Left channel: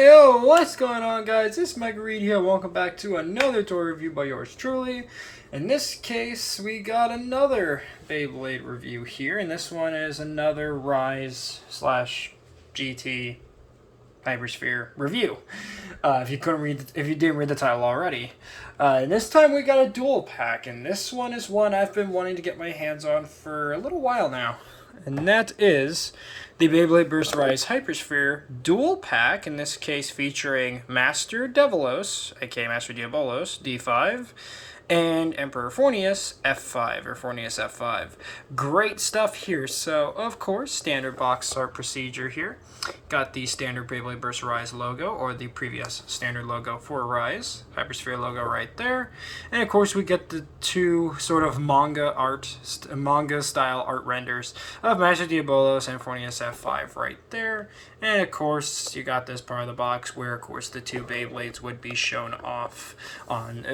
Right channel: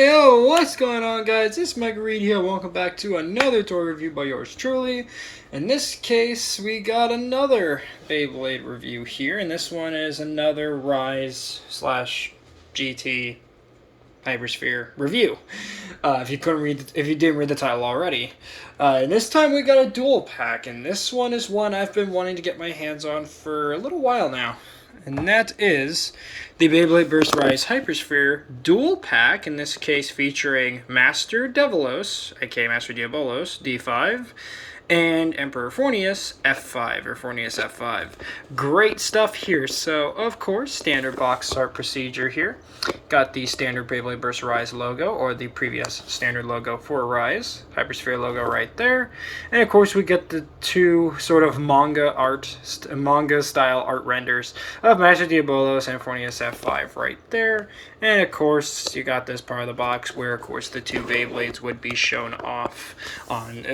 Yo, what's going on, guys? It's MRGang here. Welcome back to another toy review by yours truly. In this case, we got another Beyblade review here, and this one is another Rise slash GT HyperSphere review. If you didn't read the title already, and this time we got a dual pack, and this one is one I've been wanting to get my hands on for a little while now. And that is the Beyblade Burst Rise HyperSphere Dual Pack, in this case featuring Master Devolos, aka Master Diabolos, D5, and Emperor Forneus F5, or Forneus F5. Great stuff here. So, of course, standard box art procedure here. Got the standard Beyblade Burst Rise logo, or the previous standard logo for Rise, HyperSphere logo right there. And of course, we get the two sort of manga style art renders of Master Diabolos and Forneus F5 right there. And of course, you got this part of the box where, of course, the two Beyblades would be shown off on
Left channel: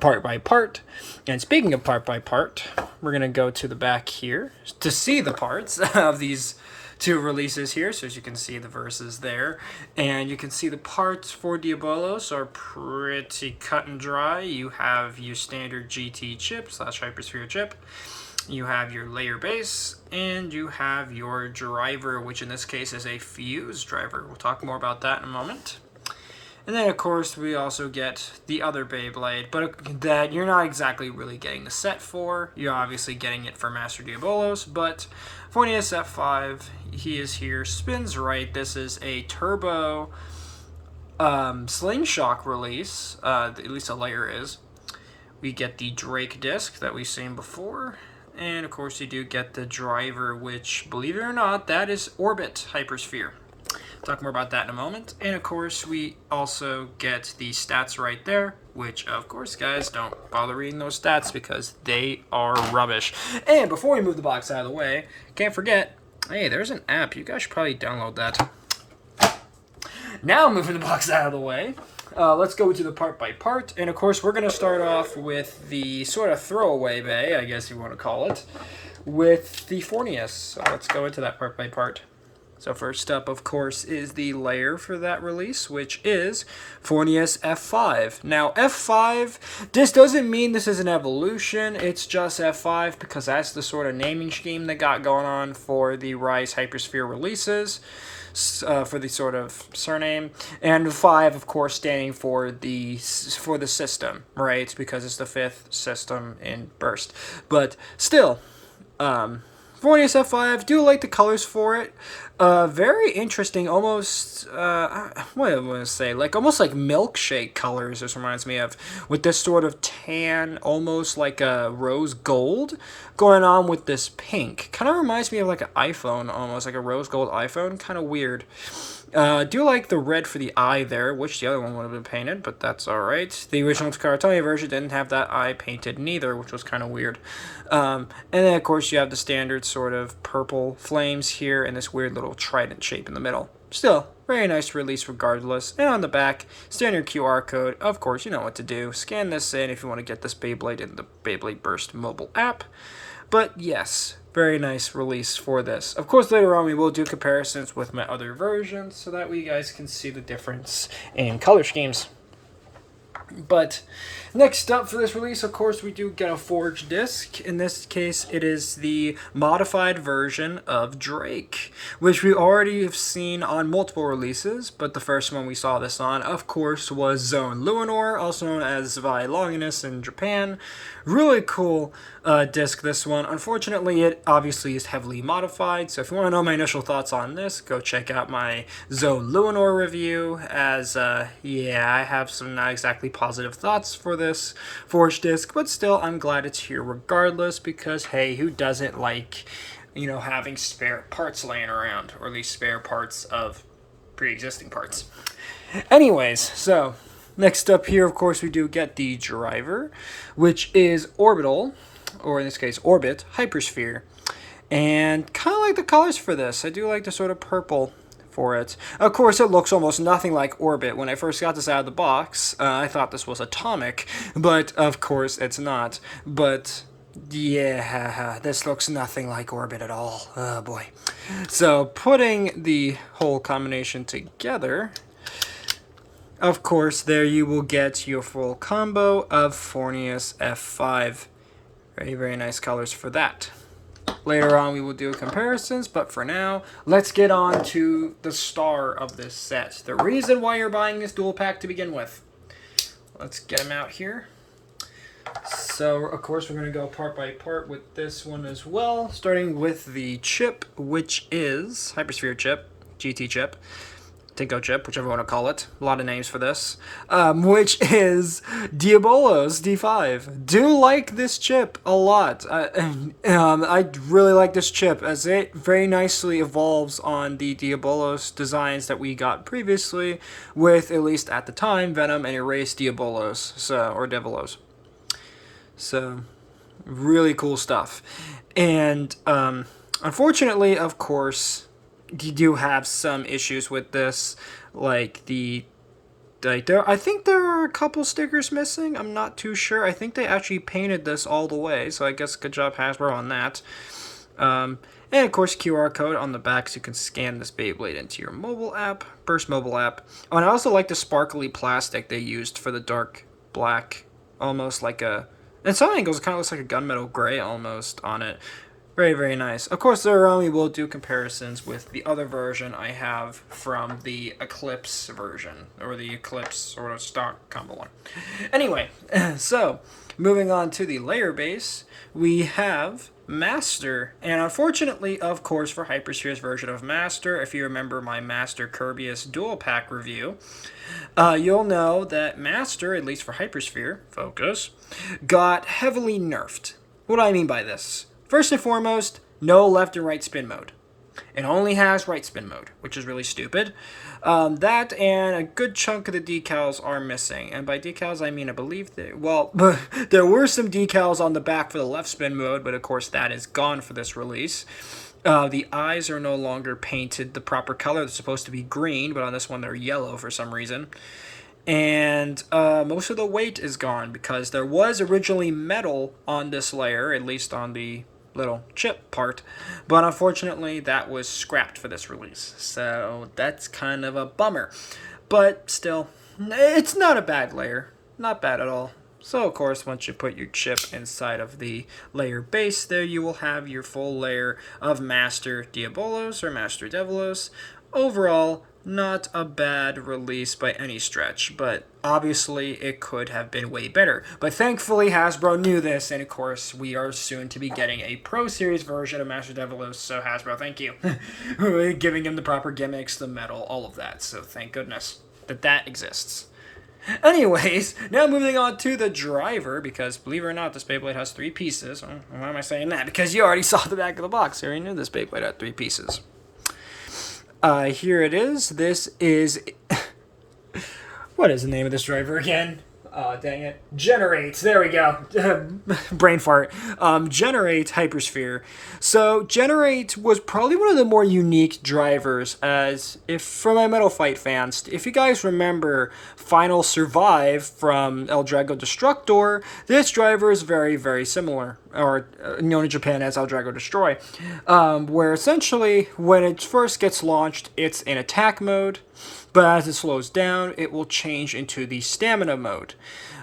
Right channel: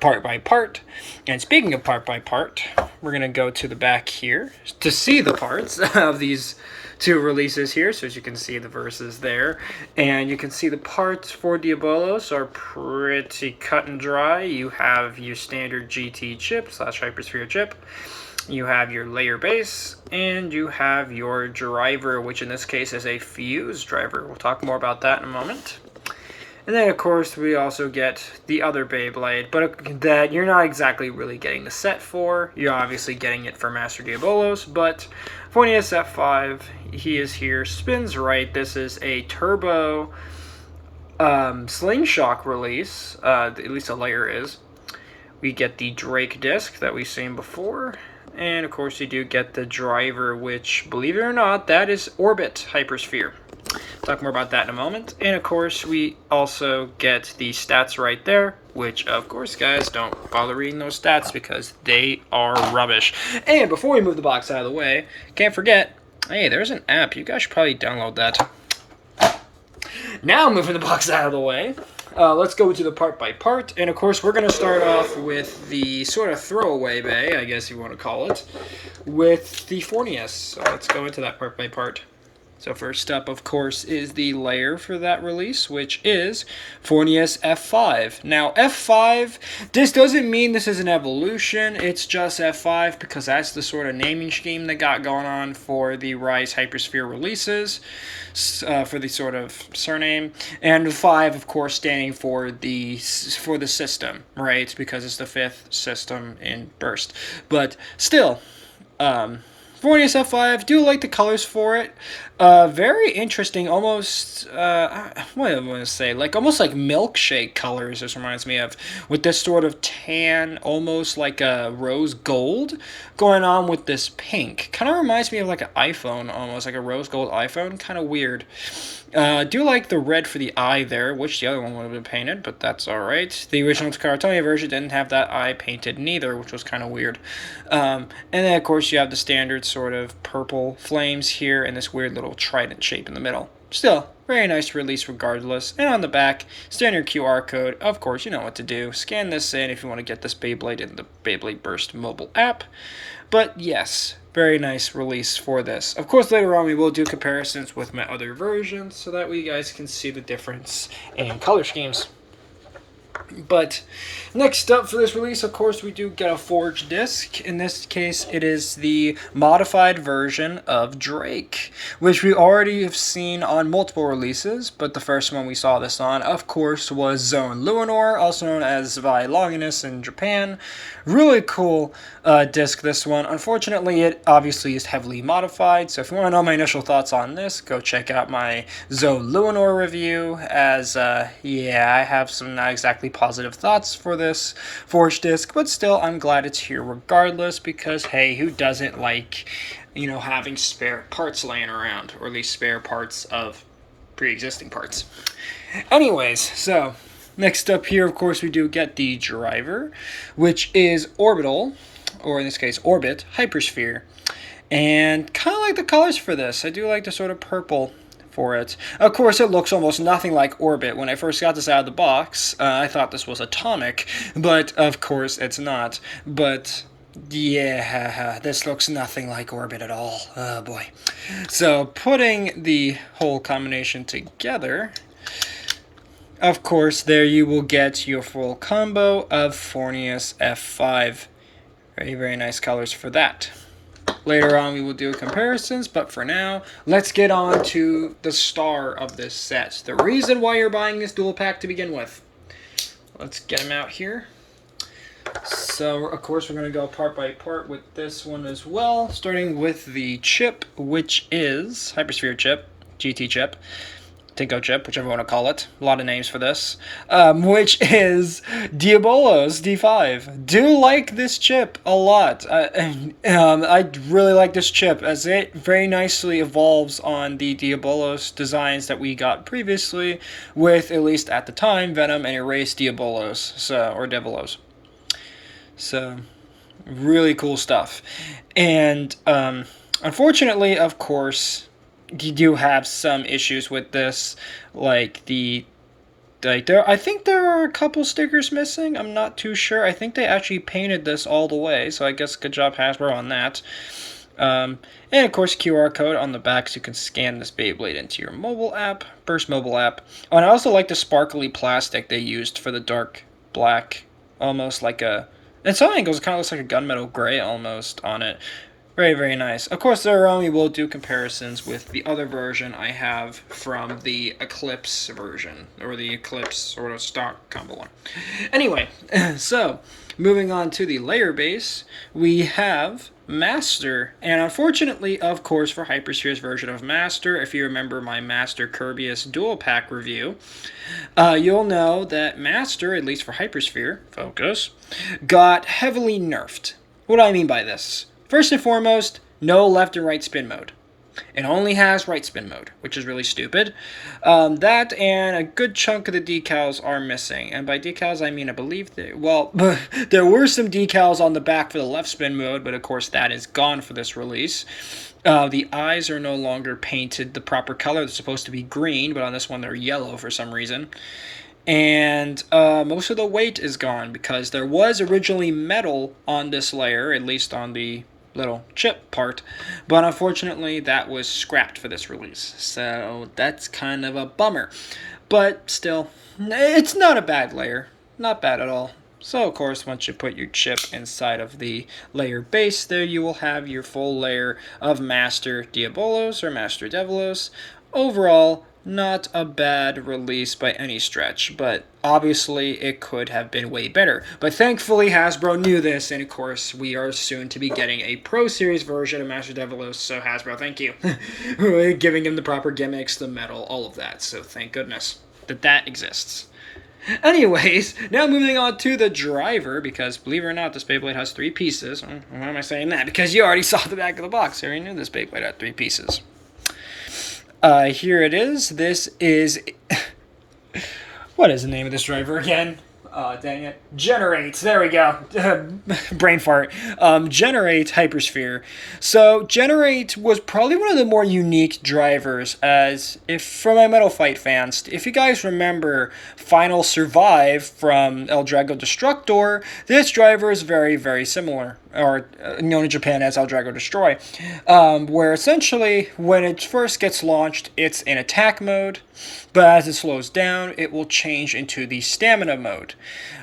part by part. And speaking of part by part, we're going to go to the back here to see the parts of these two releases here. So as you can see, the verses there, and you can see the parts for Diabolos are pretty cut and dry. You have your standard GT chip slash HyperSphere chip, you have your layer base, and you have your driver, which in this case is a fuse driver. We'll talk more about that in a moment. And then, of course, we also get the other Beyblade, but that you're not exactly really getting the set for. You're obviously getting it for Master Diabolos, but Forneus F5, he is here. Spins right. This is a turbo slingshot release, at least a layer is. We get the Drake disc that we've seen before. And, of course, you do get the driver, which, believe it or not, that is Orbit HyperSphere. Talk more about that in a moment. And of course, we also get the stats right there, which of course, guys, don't bother reading those stats because they are rubbish. And before we move the box out of the way, can't forget, hey, there's an app. You guys should probably download that. Now moving the box out of the way, let's go to the part by part. And of course, we're going to start off with the sort of throwaway bay, I guess you want to call it, with the Forneus. So let's go into that part by part. So first up, of course, is the layer for that release, which is Forneus F5. Now, F5, this doesn't mean this is an evolution. It's just F5 because that's the sort of naming scheme they got going on for the Rise HyperSphere releases, for the sort of surname. And 5, of course, standing for the system, right? Because it's the 5th system in Burst. But still, Forneus F5, do like the colors for it. Very interesting, almost, what do I want to say, like, almost like milkshake colors, this reminds me of, with this sort of tan, almost like a rose gold, going on with this pink. Kind of reminds me of like an iPhone, almost like a rose gold iPhone, kind of weird. Do like the red for the eye there, which the other one would have been painted, but that's alright. The original Cartonia version didn't have that eye painted neither, which was kind of weird. And then, of course, you have the standard sort of purple flames here and this weird little trident shape in the middle. Still, very nice release regardless. And on the back, standard QR code. Of course, you know what to do. Scan this in if you want to get this Beyblade in the Beyblade Burst mobile app. But yes, very nice release for this. Of course, later on we will do comparisons with my other versions so that you guys can see the difference in color schemes. But next up for this release, of course, we do get a forged disc. In this case, it is the modified version of Drake, which we already have seen on multiple releases, but the first one we saw this on, of course, was Zone Luinor, also known as Vi Longinus in Japan. Really cool disc, this one. Unfortunately, it obviously is heavily modified, so if you want to know my initial thoughts on this, go check out my Zone Luinor review, as, yeah, I have some not exactly positive thoughts for this forged disc, but still, I'm glad it's here regardless, because, hey, who doesn't like, you know, having spare parts laying around, or at least spare parts of pre-existing parts. Anyways, so next up here, of course, we do get the driver, which is Orbital, or in this case, Orbit HyperSphere. And kind of like the colors for this. I do like the sort of purple for it. Of course, it looks almost nothing like Orbit. When I first got this out of the box, I thought this was Atomic, but of course it's not. But yeah, this looks nothing like Orbit at all. Oh boy. So putting the whole combination together, of course, there you will get your full combo of Forneus F5. Very, very nice colors for that. Later on, we will do comparisons, but for now, let's get on to the star of this set. The reason why you're buying this dual pack to begin with. Let's get them out here. So, of course, we're going to go part by part with this one as well, starting with the chip, which is HyperSphere Chip, GT Chip, Tinko Chip, whichever you want to call it. A lot of names for this. Which is Diabolos D5. Do like this chip a lot. I really like this chip as it very nicely evolves on the Diabolos designs that we got previously with, at least at the time, Venom and Erase Diabolos, or Devolos. So, really cool stuff. And, unfortunately, of course, you do have some issues with this, I think there are a couple stickers missing. I'm not too sure. I think they actually painted this all the way, so I guess good job Hasbro on that. And of course, QR code on the back so you can scan this Beyblade into your mobile app, Burst mobile app. Oh, and I also like the sparkly plastic they used for the dark black, almost like a... In some angles, it kind of looks like a gunmetal gray almost on it. Very, very nice. Of course, there we will do comparisons with the other version I have from the Eclipse version, or the Eclipse sort of stock combo one. Anyway, so, moving on to the layer base, we have Master. And unfortunately, of course, for HyperSphere's version of Master, if you remember my Master Kirbyus Dual Pack review, you'll know that Master, at least for HyperSphere, focus, got heavily nerfed. What do I mean by this? First and foremost, no left and right spin mode. It only has right spin mode, which is really stupid. That and a good chunk of the decals are missing. And by decals, I mean, I believe there were some decals on the back for the left spin mode, but of course that is gone for this release. The eyes are no longer painted the proper color. They're supposed to be green, but on this one they're yellow for some reason. And most of the weight is gone because there was originally metal on this layer, at least on the little chip part, but unfortunately that was scrapped for this release, so that's kind of a bummer. But still, it's not a bad layer, not bad at all. So of course, once you put your chip inside of the layer base, there you will have your full layer of Master Diabolos or Master Devolos. Overall, not a bad release by any stretch, but obviously it could have been way better. But thankfully Hasbro knew this, and of course we are soon to be getting a Pro Series version of Master Devolos, so Hasbro, thank you. Giving him the proper gimmicks, the metal, all of that, so thank goodness that exists. Anyways, now moving on to the driver, because believe it or not, this Beyblade has 3 pieces. Why am I saying that? Because you already saw the back of the box. You already knew this Beyblade had 3 pieces. Here it is. This is... What is the name of this driver again? Dang it. Generate. There we go. Brain fart. Generate HyperSphere. So, Generate was probably one of the more unique drivers, as if, for my Metal Fight fans, if you guys remember Final Survive from El Drago Destructor, this driver is very, very similar, or known in Japan as El Drago Destroy, where essentially, when it first gets launched, it's in attack mode, but as it slows down, it will change into the stamina mode.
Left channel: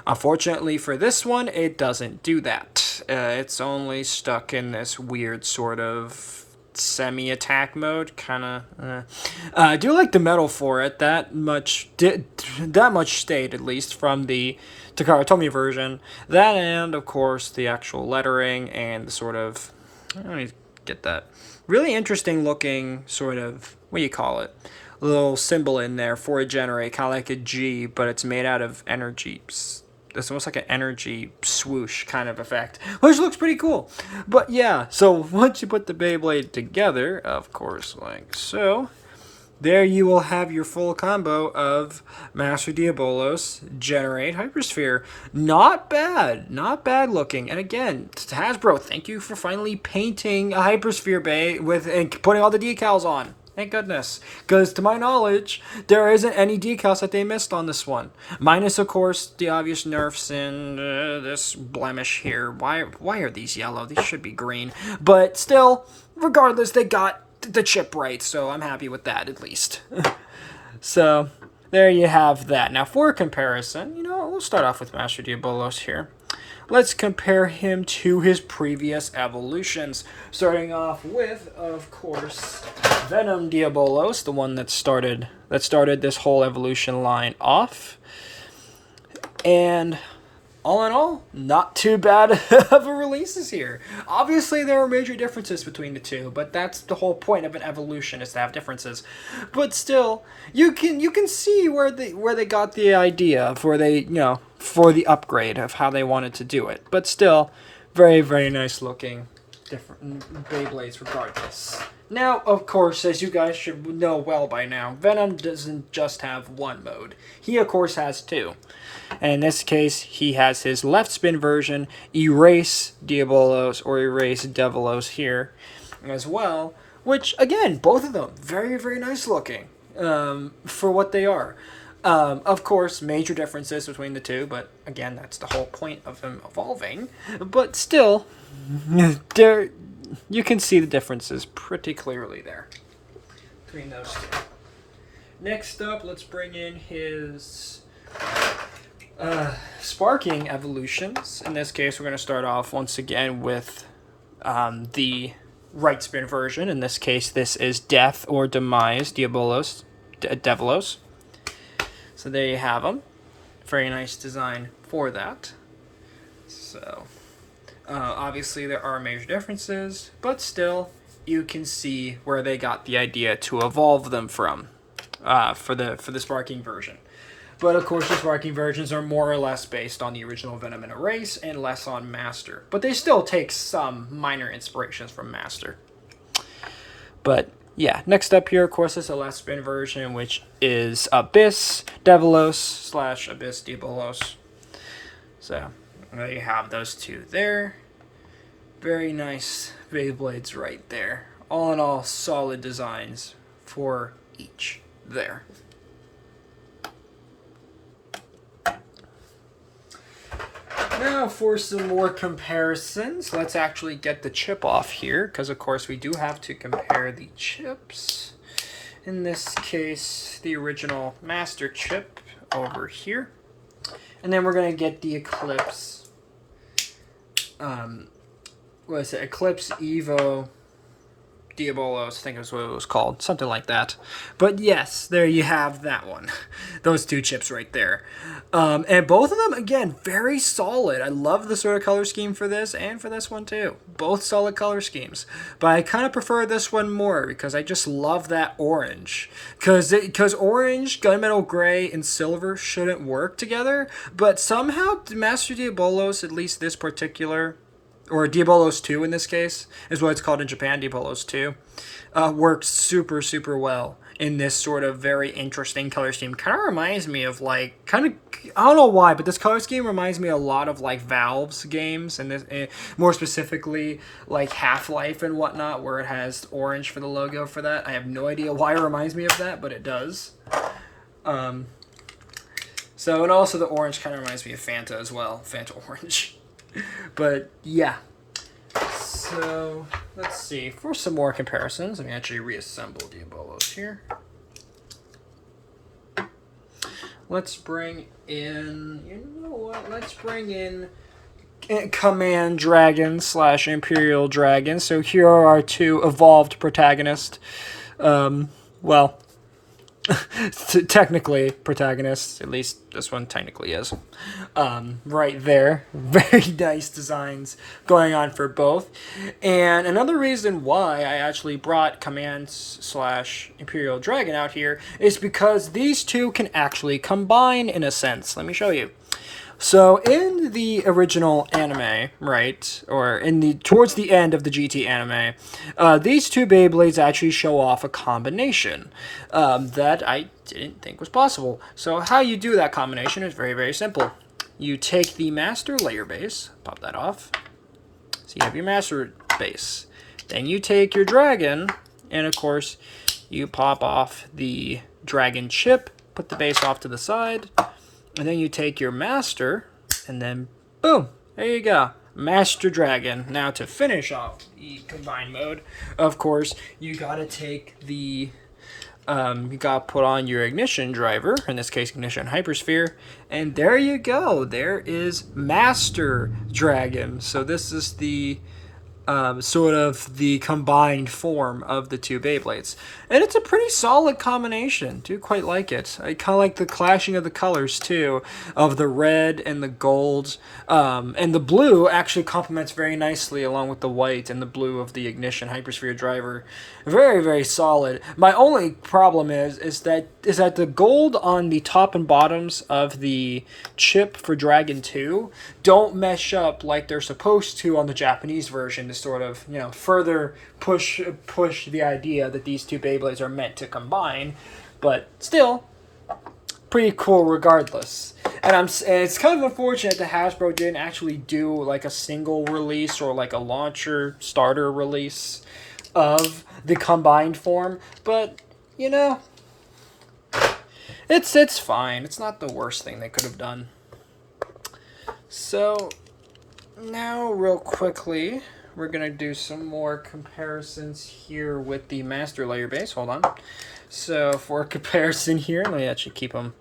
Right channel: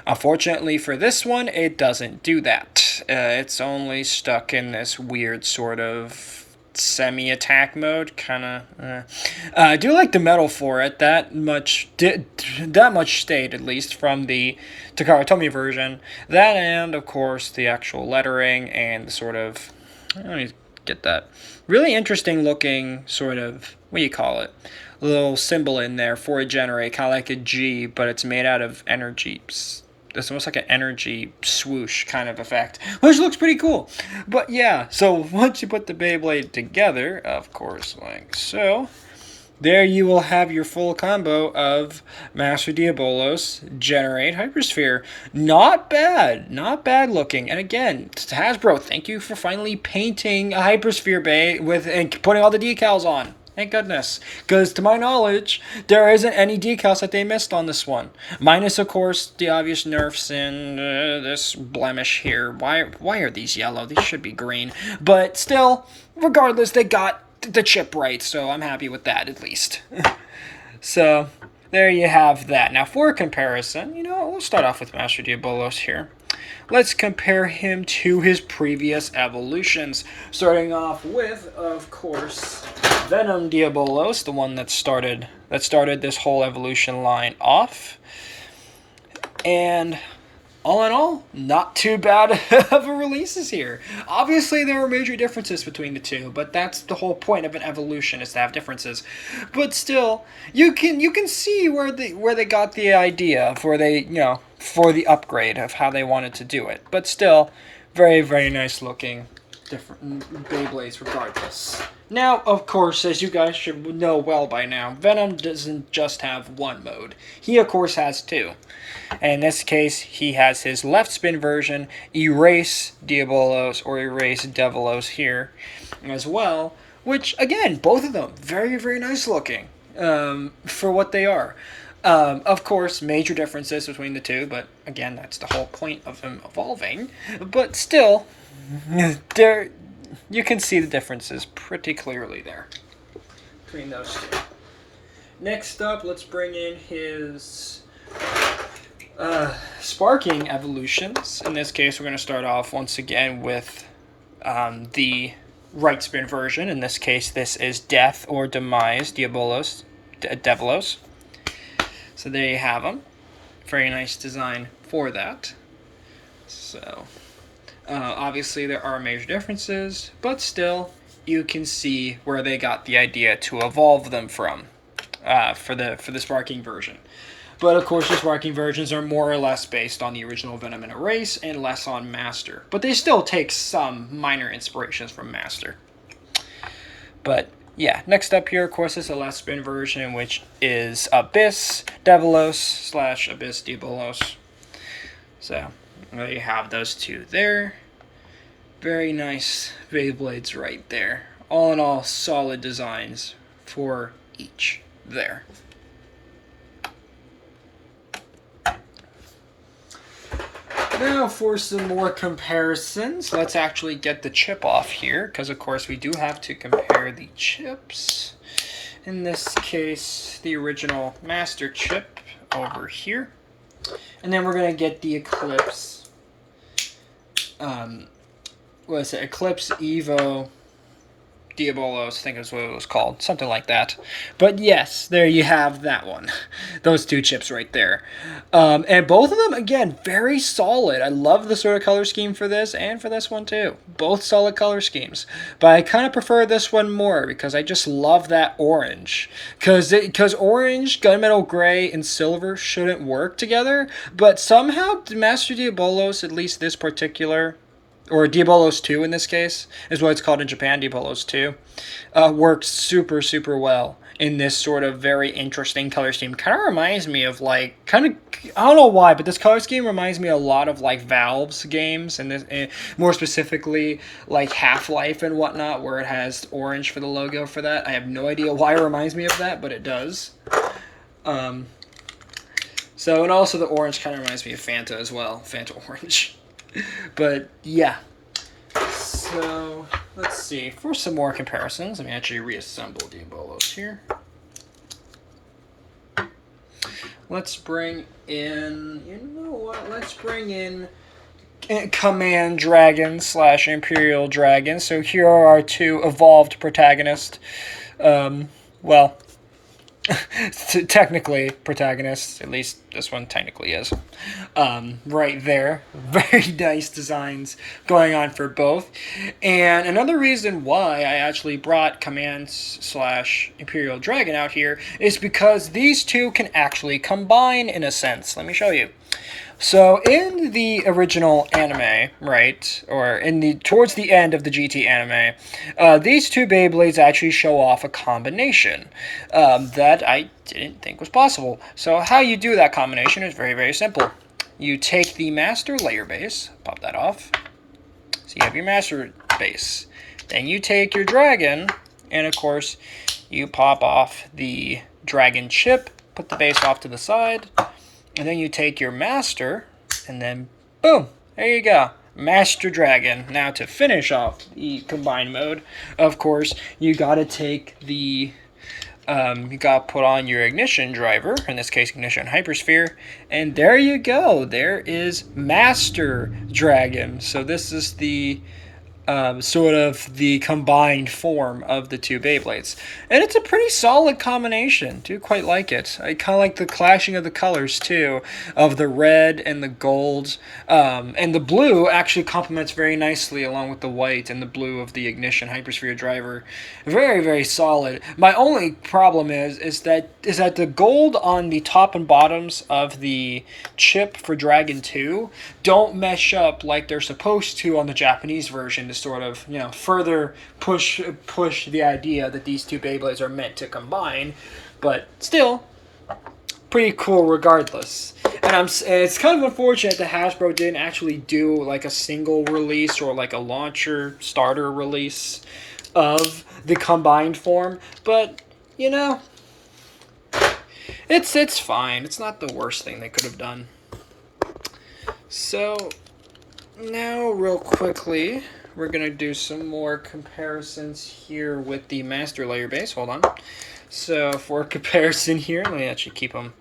Unfortunately for this one, it doesn't do that. It's only stuck in this weird sort of semi-attack mode, kind of. I do like the metal for it. That much stayed, at least, from the Takara Tomy version. That and, of course, the actual lettering and the sort of... Let me get that. Really interesting looking sort of... What do you call it? Little symbol in there for a generate, kind of like a G, but it's made out of energy. It's almost like an energy swoosh kind of effect, which looks pretty cool. But yeah, so once you put the Beyblade together, of course, like so, there you will have your full combo of Master Diabolos, Generate, HyperSphere. Not bad looking. And again, to Hasbro, thank you for finally painting a HyperSphere Bay and putting all the decals on. Thank goodness. Because to my knowledge, there isn't any decals that they missed on this one. Minus, of course, the obvious nerfs and this blemish here. Why are these yellow? These should be green. But still, regardless, they got the chip right. So I'm happy with that, at least. So, there you have that. Now, for comparison, we'll start off with Master Diabolos here. Let's compare him to his previous evolutions. Starting off with, of course, Venom Diabolos, the one that started this whole evolution line off. And all in all, not too bad of a releases here. Obviously, there were major differences between the two, but that's the whole point of an evolution, is to have differences. But still, you can see where they got the idea for the upgrade of how they wanted to do it. But still, very, very nice looking different Beyblades regardless. Now, of course, as you guys should know well by now, Venom doesn't just have one mode. He, of course, has two. And in this case, he has his left spin version, Erase Diabolos, or Erase Devolos here as well, which, again, both of them, very, very nice looking for what they are. Of course, major differences between the two, but again, that's the whole point of him evolving. But still, you can see the differences pretty clearly there between those two. Next up, let's bring in his sparking evolutions. In this case, we're going to start off once again with the right spin version. In this case, this is Death or Demise Diabolos, Devolos. So there you have them. Very nice design for that. So obviously there are major differences, but still you can see where they got the idea to evolve them from for the sparking version. But of course the sparking versions are more or less based on the original Venom and Erase and less on Master. But they still take some minor inspirations from Master. But yeah, next up here, of course, is the last spin version, which is Abyss Devolos / Abyss Diabolos. So there you have those two there. Very nice Beyblades right there. All in all, solid designs for each there. Now for some more comparisons, let's actually get the chip off here, because of course we do have to compare the chips. In this case, the original Master chip over here. And then we're going to get the Eclipse, Eclipse Evo Diabolos, I think is what it was called, something like that. But yes, there you have that one. Those two chips right there. And both of them, again, very solid. I love the sort of color scheme for this and for this one too. Both solid color schemes. But I kind of prefer this one more because I just love that orange. Because orange, gunmetal gray, and silver shouldn't work together. But somehow Master Diabolos, at least this particular, or Diabolos 2 in this case, is what it's called in Japan, Diabolos 2, works super, super well in this sort of very interesting color scheme. Kind of reminds me of I don't know why, but this color scheme reminds me a lot of Valve's games, and this, more specifically like Half-Life and whatnot, where it has orange for the logo for that. I have no idea why it reminds me of that, but it does. And also the orange kind of reminds me of Fanta as well, Fanta Orange. But yeah, so let's see, for some more comparisons, let me actually reassemble Diabolos here. Let's bring in, let's bring in Command Dragon / Imperial Dragon. So here are our two evolved protagonists. Technically protagonists, at least this one technically is. Right there. Very nice designs going on for both. And another reason why I actually brought Command / Imperial Dragon out here is because these two can actually combine in a sense. Let me show you. So in the original anime, right, or towards the end of the GT anime, these two Beyblades actually show off a combination that I didn't think was possible. So how you do that combination is very, very simple. You take the Master layer base, pop that off, so you have your Master base. Then you take your Dragon, and of course, you pop off the Dragon chip, put the base off to the side, and then you take your Master, and then boom, there you go. Master Dragon. Now to finish off the combined mode, of course, you gotta take the You got to put on your ignition driver, in this case ignition hypersphere, and there you go. There is Master Dragon. So this is the sort of the combined form of the two Beyblades. And it's a pretty solid combination. Do quite like it. I kind of like the clashing of the colors, too, of the red and the gold. And the blue actually complements very nicely along with the white and the blue of the Ignition Hypersphere driver. Very, very solid. My only problem is that the gold on the top and bottoms of the chip for Dragon 2 don't mesh up like they're supposed to on the Japanese version to sort of, further push the idea that these two Beyblades are meant to combine, but still pretty cool regardless. And it's kind of unfortunate that Hasbro didn't actually do like a single release or like a launcher starter release of the combined form, but it's fine. It's not the worst thing they could have done. So now real quickly, we're going to do some more comparisons here with the Master Layer base. Hold on. So for comparison here, let me actually keep them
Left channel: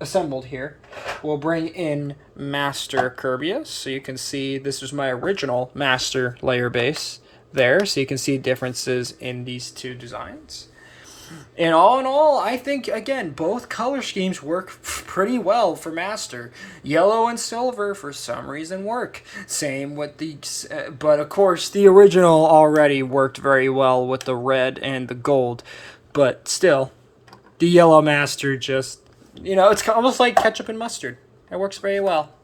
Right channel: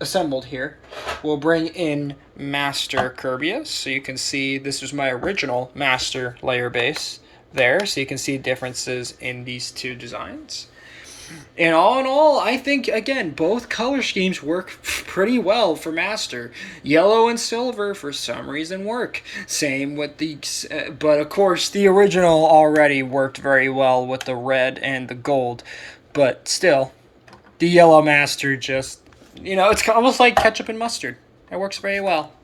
assembled here. We'll bring in Master Kirbyus. So you can see this is my original Master Layer base there. So you can see differences in these two designs. And all in all, I think, again, both color schemes work pretty well for Master. Yellow and silver, for some reason, work. Same with the... but, of course, the original already worked very well with the red and the gold. But still, the yellow Master just... it's almost like ketchup and mustard. It works very well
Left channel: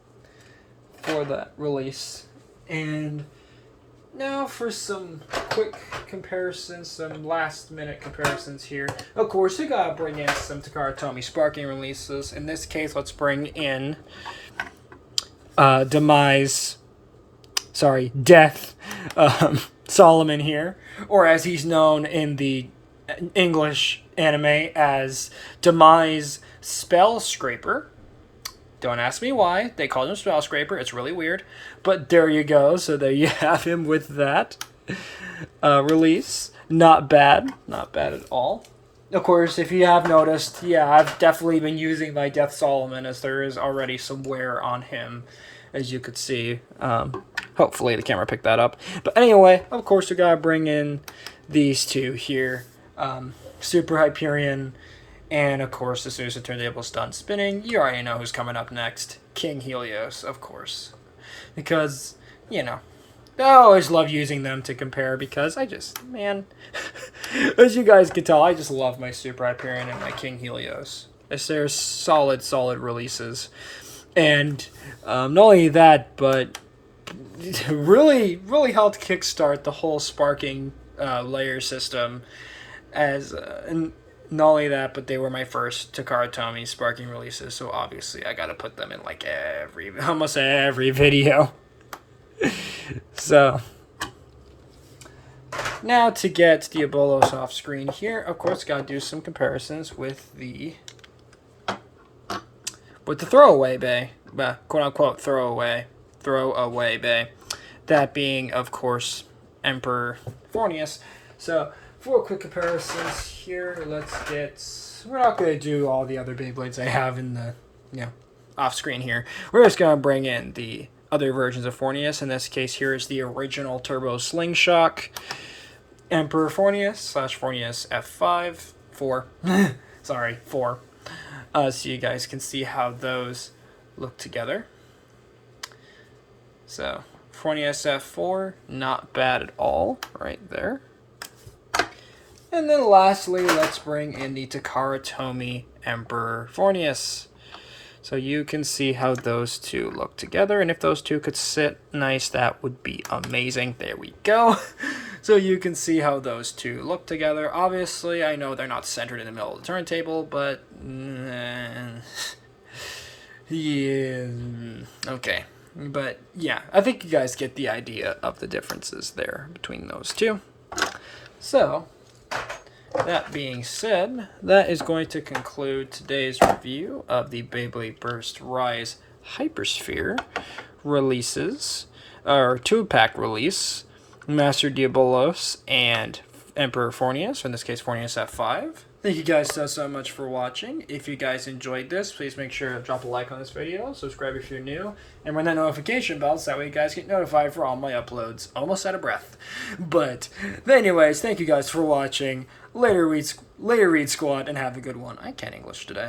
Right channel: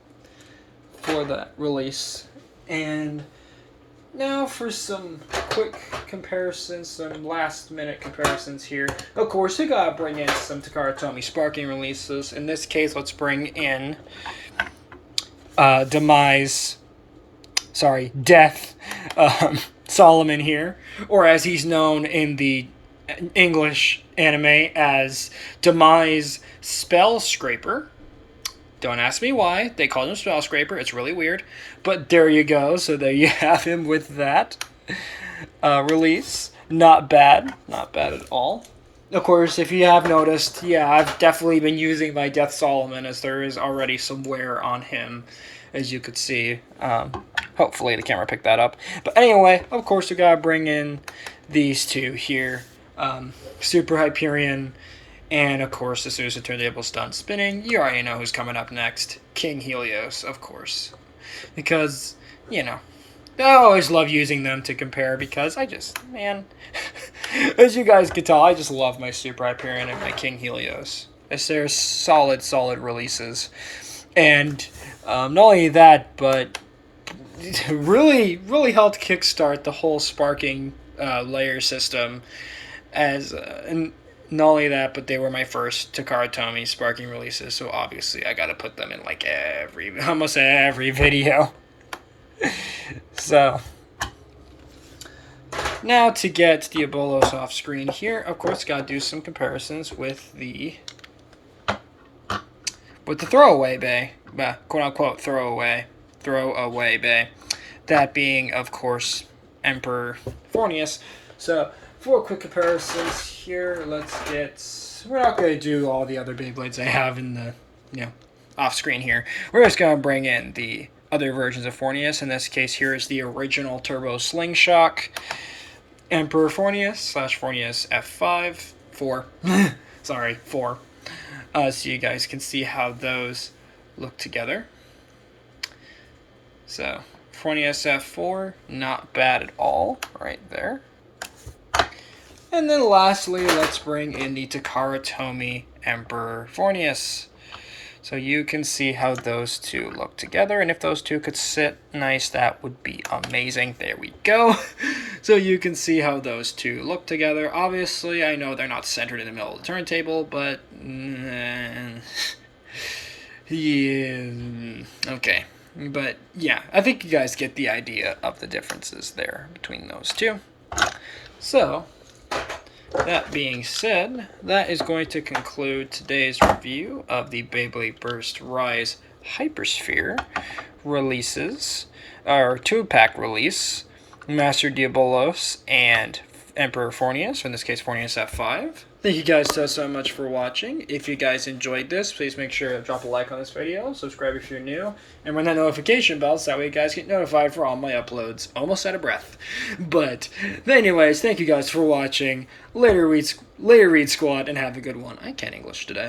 for that release. And... now for some quick comparisons, some last-minute comparisons here. Of course, we gotta bring in some Takara Tomy sparking releases. In this case, let's bring in Death Solomon here, or as he's known in the English anime as Demise Spell Scraper. Don't ask me why. They call him Spell Scraper. It's really weird. But there you go. So there you have him with that release. Not bad. Not bad at all. Of course, if you have noticed, I've definitely been using my DeathSolomon as there is already some wear on him, as you could see. Hopefully the camera picked that up. But anyway, of course, we gotta bring in these two here. Super Hyperion. And, of course, as soon as the turntable's done spinning, you already know who's coming up next. King Helios, of course. Because, I always love using them to compare because as you guys can tell, I just love my Super Hyperion and my King Helios. As they're solid releases. And not only that, but really, really helped kickstart the whole sparking layer system as... not only that, but they were my first Takara Tomy sparking releases, so obviously I gotta put them in like almost every video. So, now to get Diabolos off screen here, of course, gotta do some comparisons with the throwaway bay, quote unquote throwaway bay. That being, of course, Emperor Forneus. So, for quick comparisons here, we're not going to do all the other Beyblades I have in the, off screen here. We're just going to bring in the other versions of Forneus. In this case, here is the original Turbo Slingshock Emperor Forneus / Forneus F5. 4. Sorry, 4. So you guys can see how those look together. So, Forneus F4, not bad at all, right there. And then lastly, let's bring in the Takara Tomy Emperor Forneus. So you can see how those two look together. And if those two could sit nice, that would be amazing. There we go. So you can see how those two look together. Obviously, I know they're not centered in the middle of the turntable, but... yeah, okay. But yeah, I think you guys get the idea of the differences there between those two. So... that being said, that is going to conclude today's review of the Beyblade Burst Rise HyperSphere releases, or 2-pack release, Master Diabolos and Emperor Forneus, or in this case Forneus F5. Thank you guys so much for watching. If you guys enjoyed this, please make sure to drop a like on this video, subscribe if you're new, and ring that notification bell so that way you guys get notified for all my uploads. Almost out of breath. But anyways, thank you guys for watching. Later, Read Squad, and have a good one. I can't English today.